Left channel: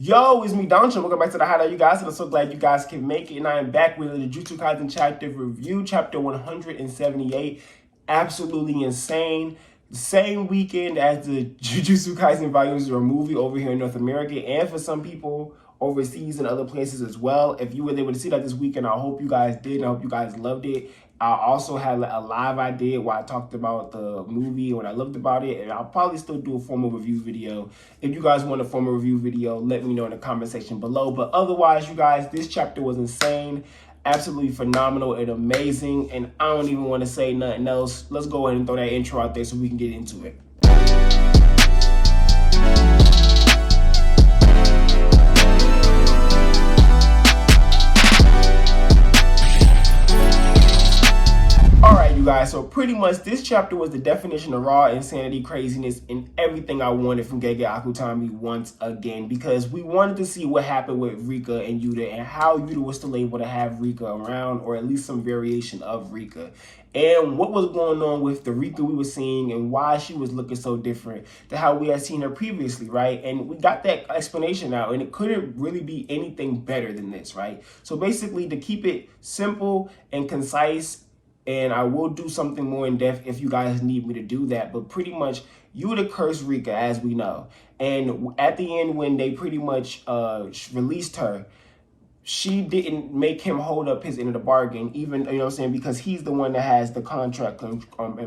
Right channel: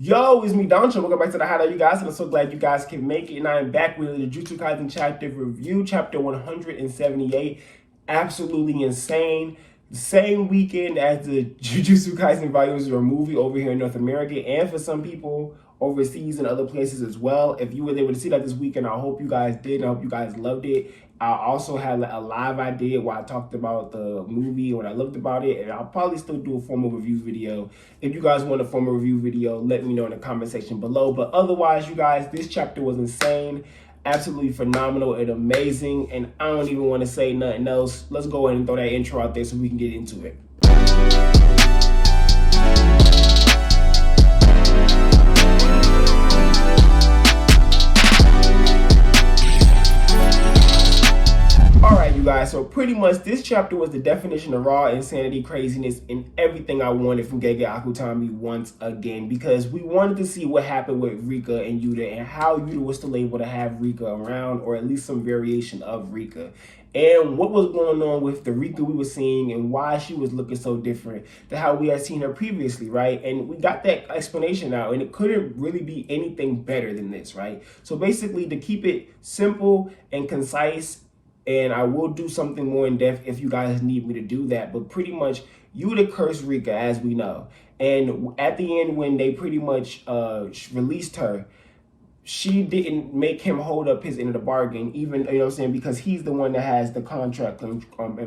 Yo, it's me, Danchou. Welcome back to the Hideout, you guys, and I'm so glad you guys can make it. And I am back with the Jujutsu Kaisen chapter review, chapter 178. Absolutely insane. The same weekend as the Jujutsu Kaisen volumes or movie over here in North America, and for some people overseas and other places as well. If you were able to see that this weekend, I hope you guys did. I hope you guys loved it. I also had a live I did where I talked about the movie and what I loved about it, and I'll probably still do a formal review video. If you guys want a formal review video, let me know in the comment section below. But otherwise, you guys, this chapter was insane, absolutely phenomenal and amazing, and I don't even want to say nothing else. Let's go ahead and throw that intro out there so we can get into it. Guys, so pretty much this chapter was the definition of raw insanity, craziness, and everything I wanted from Gege Akutami once again, because we wanted to see what happened with Rika and Yuta and how Yuta was still able to have Rika around, or at least some variation of Rika, and what was going on with the Rika we were seeing and why she was looking so different than how we had seen her previously, right? And we got that explanation now, and it couldn't really be anything better than this, right? So basically, to keep it simple and concise, and I will do something more in depth if you guys need me to do that. But pretty much, Yuta cursed Rika, as we know. And at the end, when they pretty much released her, she didn't make him hold up his end of the bargain, even, you know what I'm saying, because he's the one that has the contract and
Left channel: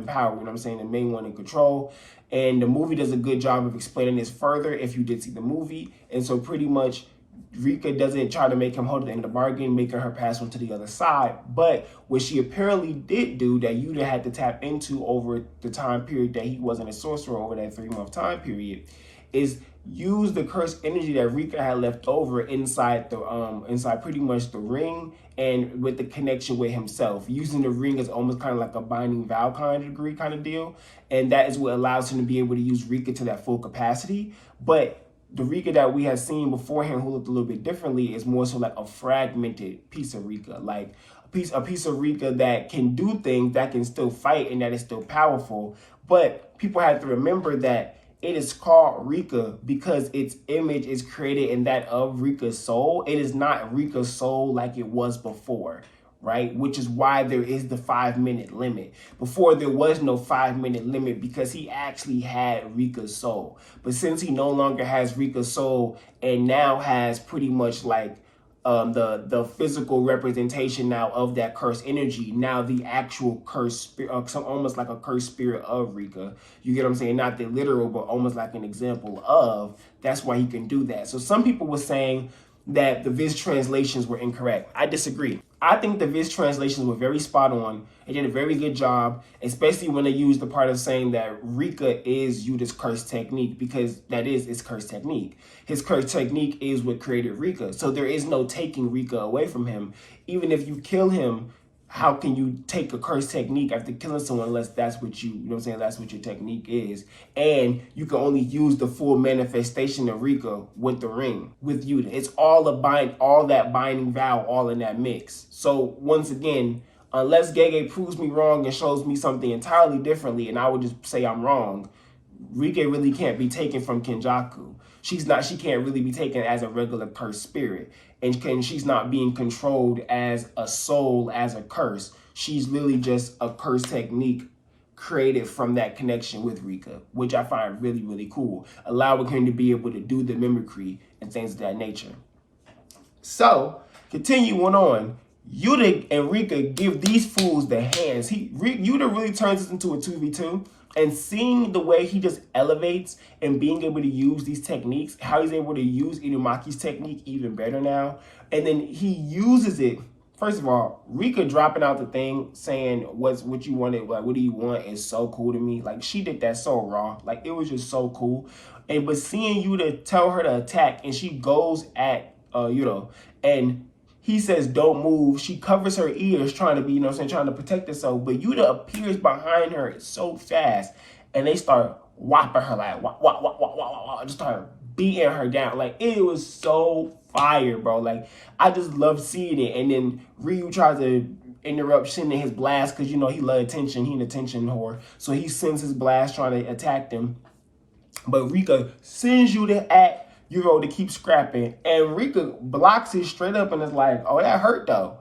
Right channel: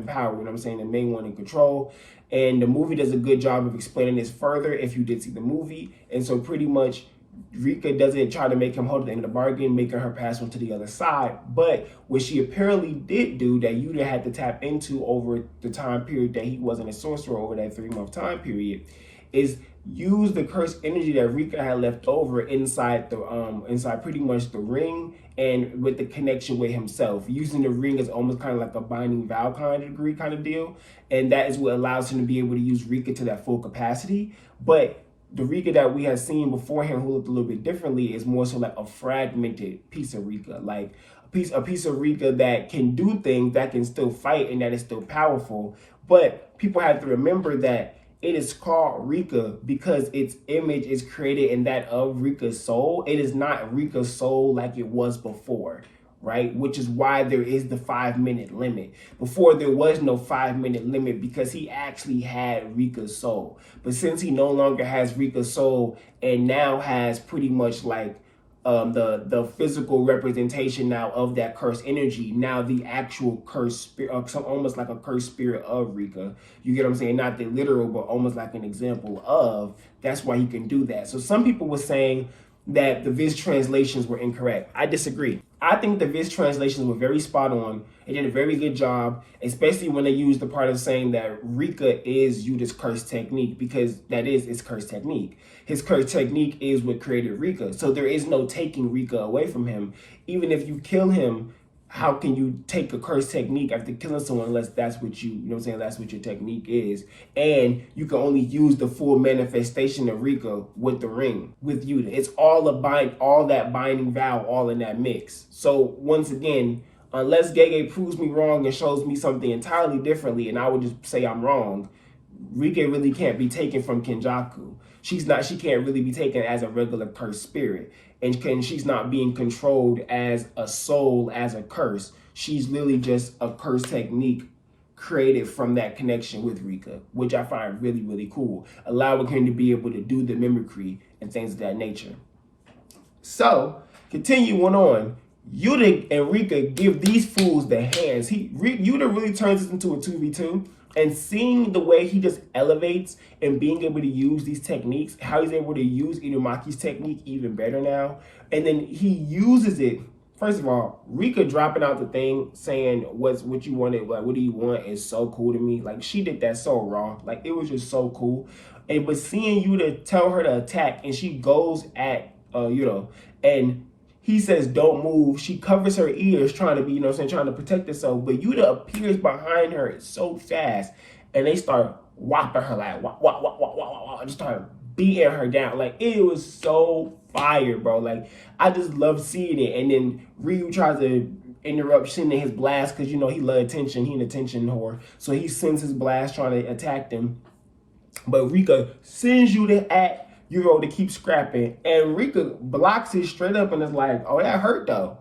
power, you know what I'm saying, the main one in control. And the movie does a good job of explaining this further if you did see the movie. And so pretty much, Rika doesn't try to make him hold the end of the bargain, making her pass on to the other side. But what she apparently did do that Yuta had to tap into over the time period that he wasn't a sorcerer, over that 3-month time period, is use the cursed energy that Rika had left over inside the inside pretty much the ring, and with the connection with himself, using the ring as almost kind of like a binding vow kind of degree kind of deal. And that is what allows him to be able to use Rika to that full capacity. But the Rika that we had seen beforehand, who looked a little bit differently, is more so like a fragmented piece of Rika, like a piece of Rika that can do things, that can still fight, and that is still powerful. But people have to remember that it is called Rika because its image is created in that of Rika's soul. It is not Rika's soul like it was before, right? Which is why there is the 5-minute limit. Before, there was no 5-minute limit because he actually had Rika's soul. But since he no longer has Rika's soul and now has pretty much like the physical representation now of that cursed energy, now the actual cursed spirit, almost like a cursed spirit of Rika, you get what I'm saying? Not the literal, but almost like an example of, that's why he can do that. So some people were saying that the Viz translations were incorrect. I disagree. I think the Viz translations were very spot on. They did a very good job, especially when they used the part of saying that Rika is Yuta's cursed technique, because that is his cursed technique. His cursed technique is what created Rika. So there is no taking Rika away from him. Even if you kill him, how can you take a cursed technique after killing someone unless that's what you know what I'm saying, that's what your technique is. And you can only use the full manifestation of Rika with the ring, with Yuta. It's all all that binding vow, all in that mix. So once again, unless Gege proves me wrong and shows me something entirely differently, and I would just say I'm wrong, Rika really can't be taken from Kenjaku. She can't really be taken as a regular cursed spirit. And she's not being controlled as a soul, as a curse. She's literally just a curse technique created from that connection with Rika, which I find really, really cool, allowing him to be able to do the mimicry and things of that nature. So, continuing on, Yuta and Rika give these fools the hands. Yuta really turns this into a 2v2. And seeing the way he just elevates and being able to use these techniques, how he's able to use Inumaki's technique even better now. And then he uses it. First of all, Rika dropping out the thing saying what you wanted, like what do you want, is so cool to me. Like, she did that so raw. Like, it was just so cool. And but seeing Yuta tell her to attack, and she goes at Yuta, and he says, don't move. She covers her ears trying to be, you know what I'm saying, trying to protect herself. But Yuta appears behind her so fast. And they start whopping her, like, whop, whop, whop, whop, whop, whop, just start beating her down. Like, it was so fire, bro. Like, I just love seeing it. And then Ryu tries to interrupt sending his blast because, you know, he loves attention. He an attention whore. So he sends his blast trying to attack them. But Rika sends Yuta Yuro to keep scrapping, and Rika blocks it straight up and is like, oh, that hurt though.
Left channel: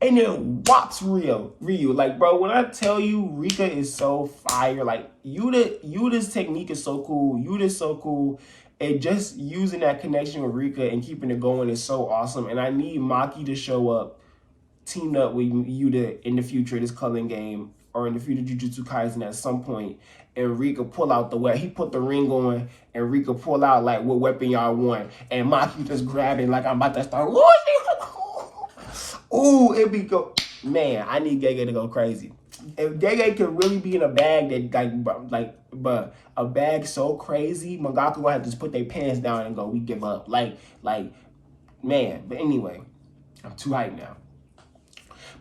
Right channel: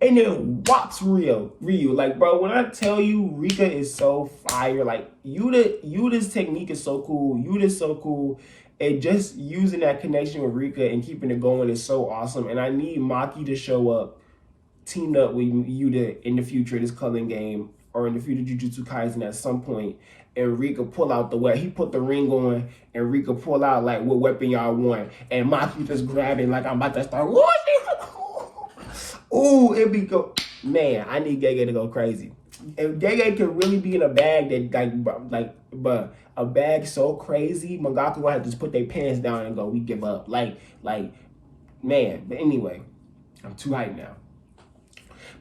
And then whops Ryu. Like, bro, when I tell you Rika is so fire, like Yuta's technique is so cool. Yuta's so cool. And just using that connection with Rika and keeping it going is so awesome. And I need Maki to show up, teamed up with Yuta in the future, this culling game, or in the future Jujutsu Kaisen at some point. And Rika pull out the weapon. He put the ring on, and Rika pull out like what weapon y'all want. And Maki just grab it like I'm about to start. Ooh, it be go. Man, I need Gege to go crazy. If Gege can really be in a bag that but a bag so crazy, Mangaka gonna have to just put their pants down and go, we give up. Like, man. But anyway, I'm too hyped now.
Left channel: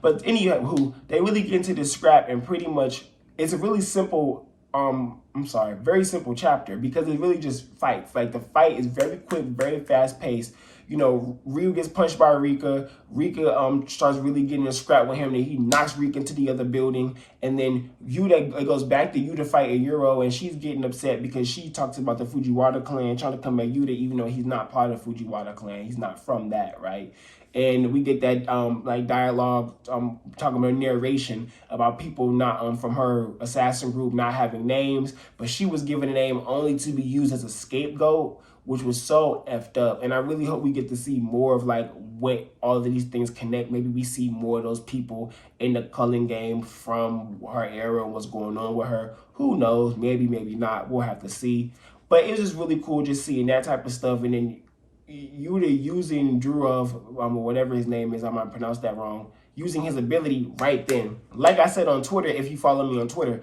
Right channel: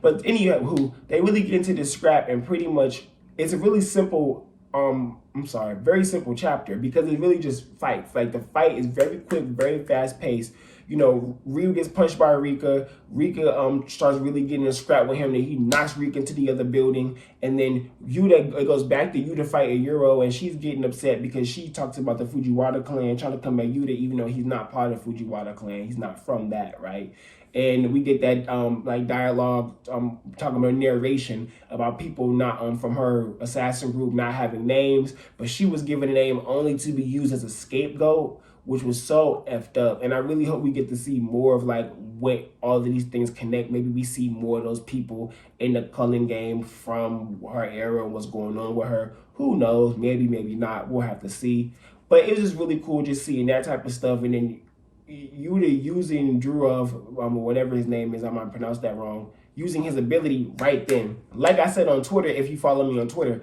But anyway, they really get into this scrap, and pretty much it's a really simple. Very simple chapter, because it really just fights. Like, the fight is very quick, very fast paced. You know, Ryu gets punched by Rika. Rika starts really getting a scrap with him. Then he knocks Rika into the other building. And then Yuta, it goes back to Yuta fighting Yuro, and she's getting upset because she talks about the Fujiwara clan trying to come at Yuta, even though he's not part of the Fujiwara clan. He's not from that, right? And we get that dialogue talking about narration about people not from her assassin group not having names, but she was given a name only to be used as a scapegoat, which was so effed up. And I really hope we get to see more of like what all of these things connect. Maybe we see more of those people in the culling game from her era and what's going on with her. Who knows? Maybe, maybe not. We'll have to see. But it's just really cool just seeing that type of stuff. And then Yuta using Drurov, whatever his name is, I might pronounce that wrong, using his ability right then. Like I said on Twitter, if you follow me on Twitter,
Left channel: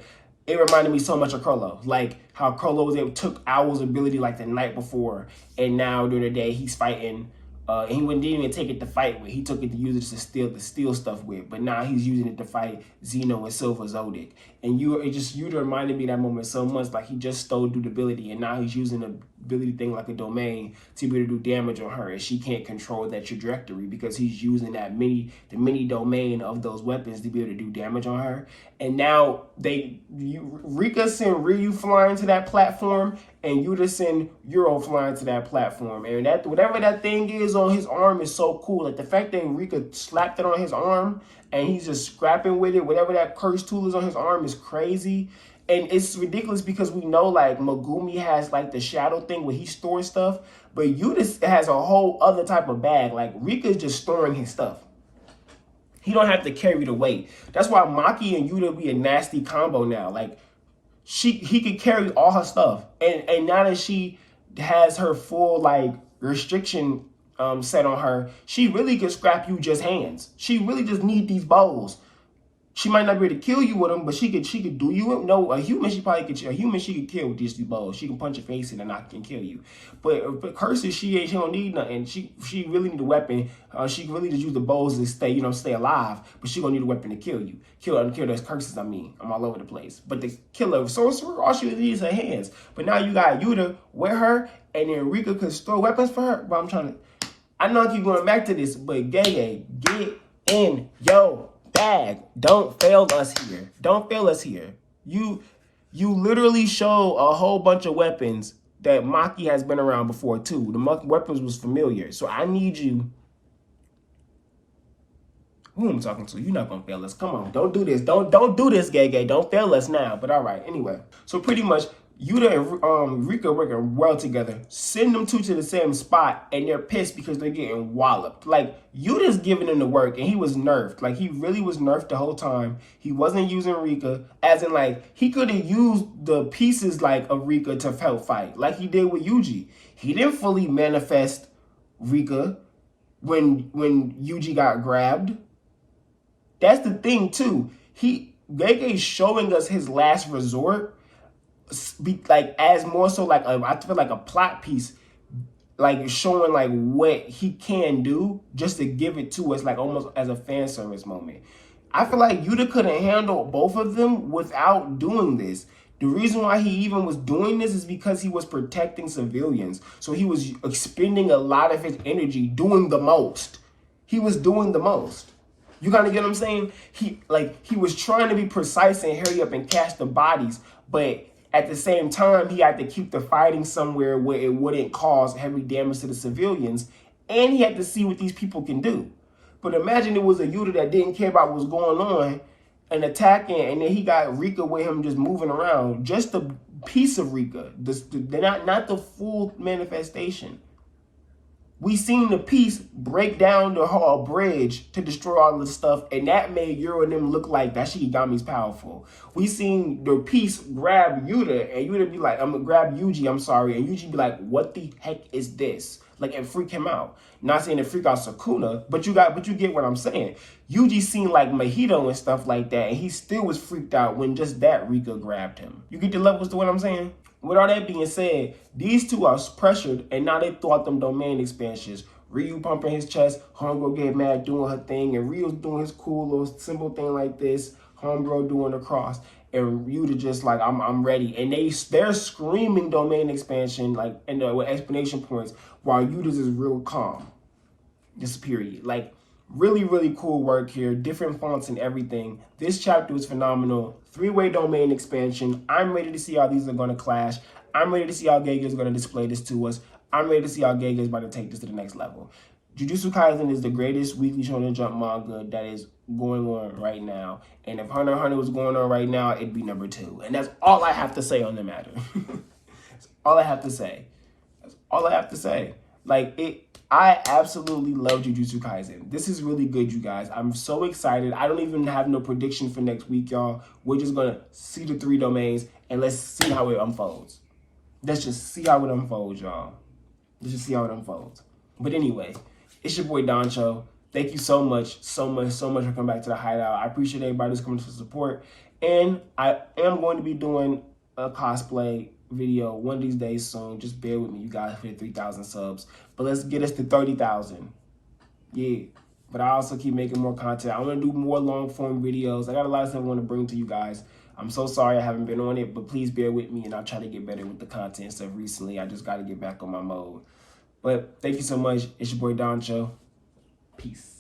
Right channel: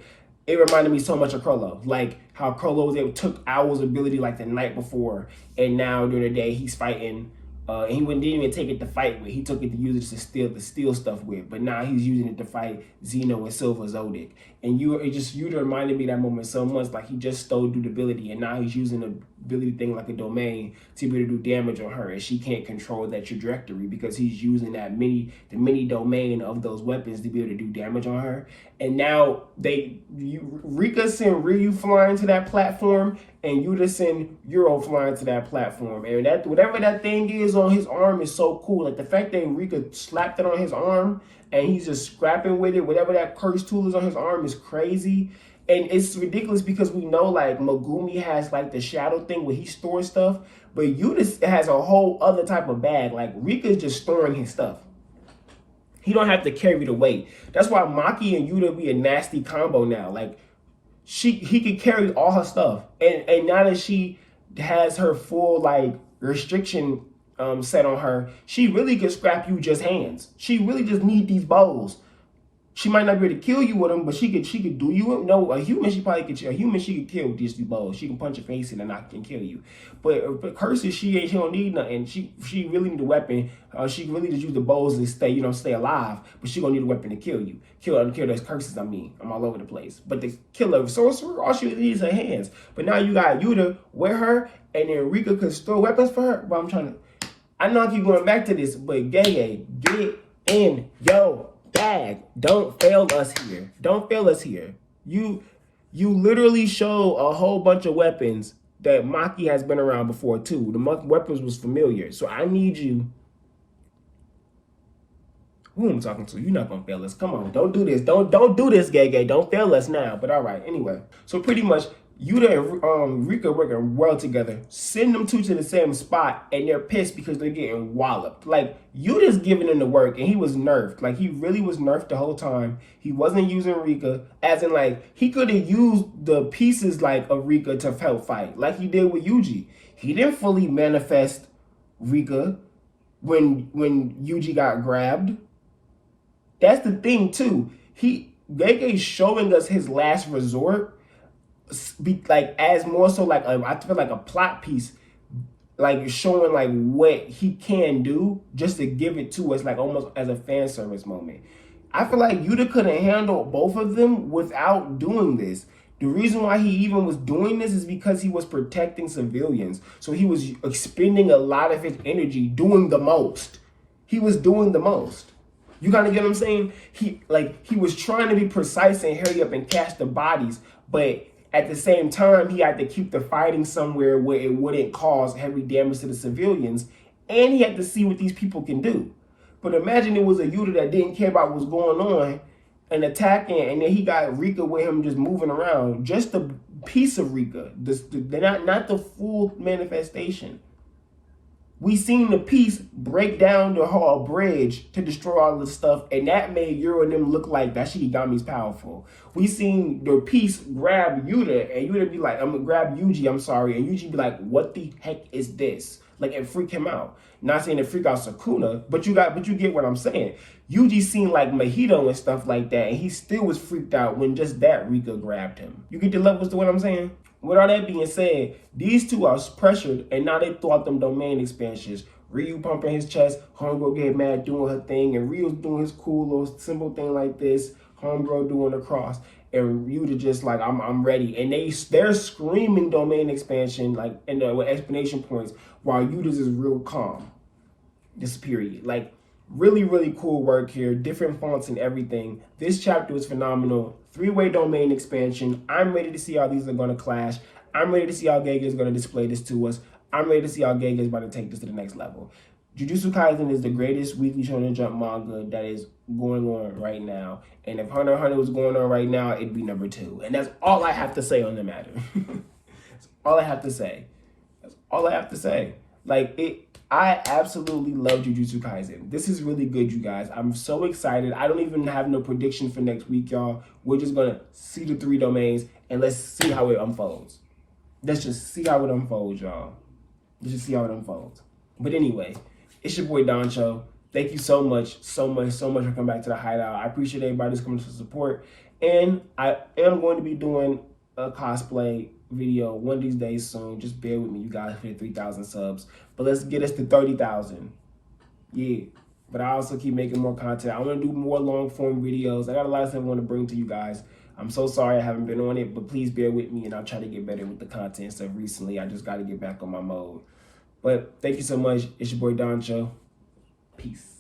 it reminded me so much of Krollo. Like how Krollo was able to took Owl's ability like the night before, and now during the day he's fighting. And he didn't even take it to fight with. He took it to use it to steal stuff with. But now he's using it to fight Zeno and Silver Zodic. And Yuta reminded me that moment so much, like he just stole durability, and now he's using the ability thing like a domain to be able to do damage on her, and she can't control that trajectory because he's using the mini domain of those weapons to be able to do damage on her. And now Rika sent Ryu flying to that platform, and Yuta sent Yuro flying to that platform. And that whatever that thing is on his arm is so cool. Like the fact that Rika slapped it on his arm and he's just scrapping with it, whatever that curse tool is on his arm is crazy. And it's ridiculous because we know like Megumi has like the shadow thing where he stores stuff, but Yuta has a whole other type of bag. Like Rika's just storing his stuff. He don't have to carry the weight. That's why Maki and Yuta be a nasty combo now. Like he could carry all her stuff. And now that she has her full like restriction set on her, she really could scrap you just hands. She really just need these bows. She might not be able to kill you with them, but she could do you. No, a human she could kill with these bows. She can punch your face in and knock and kill you. But curses, she don't need nothing. She really need a weapon. She really just use the bows to stay alive. But she gonna need a weapon to kill you. Kill those curses. I'm all over the place. But to kill a sorcerer, all she needs is her hands. But now you got Yuta with her, and then Rika could store weapons for her. But I know I keep going back to this, but Gege, get in yo bag. Don't fail us here. Don't fail us here. You literally show a whole bunch of weapons that Maki has been around before too. The weapons was familiar. So I need you. Who am I talking to? You're not gonna fail us. Come on, don't do this. Don't do this, Gege. Don't fail us now. But all right, anyway. So pretty much Yuta and Rika working well together. Send them two to the same spot, and they're pissed because they're getting walloped. Like, Yuta's giving them the work, and he was nerfed. Like, he really was nerfed the whole time. He wasn't using Rika, as in, like, he could have used the pieces, like, of Rika to help fight, like he did with Yuji. He didn't fully manifest Rika when Yuji got grabbed. That's the thing, too. Gege's showing us his last resort, be like as more so like I feel like a plot piece, like showing like what he can do, just to give it to us like almost as a fan service moment. I feel like Yuta couldn't handle both of them without doing this. The reason why he even was doing this is because he was protecting civilians. So he was expending a lot of his energy doing the most. He was doing the most. You kind of get what I'm saying? He was trying to be precise and hurry up and catch the bodies, but At the same time, he had to keep the fighting somewhere where it wouldn't cause heavy damage to the civilians, and he had to see what these people can do. But imagine it was a Yuta that didn't care about what's going on and attacking, and then he got Rika with him just moving around. Just a piece of Rika, not the full manifestation. We seen the piece break down the whole bridge to destroy all this stuff, and that made Yuru and them look like that Shikigami's powerful. We seen the piece grab Yuta, and Yuta be like, I'm gonna grab Yuji, I'm sorry, and Yuji be like, what the heck is this? Like, it freak him out. Not saying it freak out Sukuna, but you get what I'm saying. Yuji seen like Mojito and stuff like that, and he still was freaked out when just that Rika grabbed him. You get the levels to what I'm saying? With all that being said, these two are pressured, and now they thought them domain expansions. Ryu pumping his chest, Homegirl get mad doing her thing, and Ryu's doing his cool little simple thing like this, Homegirl doing the cross, and Yuta just like, I'm ready. And they're screaming domain expansion, like, and with explanation points, while Yuta's is real calm. This period. Like, really, really cool work here. Different fonts and everything. This chapter was phenomenal. 3-way domain expansion. I'm ready to see how these are going to clash. I'm ready to see how Gege is going to display this to us. I'm ready to see how Gege is about to take this to the next level. Jujutsu Kaisen is the greatest weekly Shonen Jump manga that is going on right now. And if Hunter x Hunter was going on right now, it'd be number 2. And that's all I have to say on the matter. That's all I have to say. That's all I have to say. Like, I absolutely love Jujutsu Kaisen. This is really good, you guys. I'm so excited. I don't even have no prediction for next week, y'all. We're just going to see the 3 domains, and let's see how it unfolds. Let's just see how it unfolds, y'all. Let's just see how it unfolds. But anyway, it's your boy Danchou. Thank you so much for coming back to the Hideout. I appreciate everybody who's coming to support. And I am going to be doing a cosplay video one of these days soon. Just bear with me, you guys, hit 3,000 subs, but let's get us to 30,000. Yeah, but I also keep making more content. I want to do more long form videos. I got a lot of stuff I want to bring to you guys. I'm so sorry I haven't been on it, but please bear with me, and I'll try to get better with the content stuff. Recently I just got to get back on my mode. But thank you so much. It's your boy Danchou. Peace.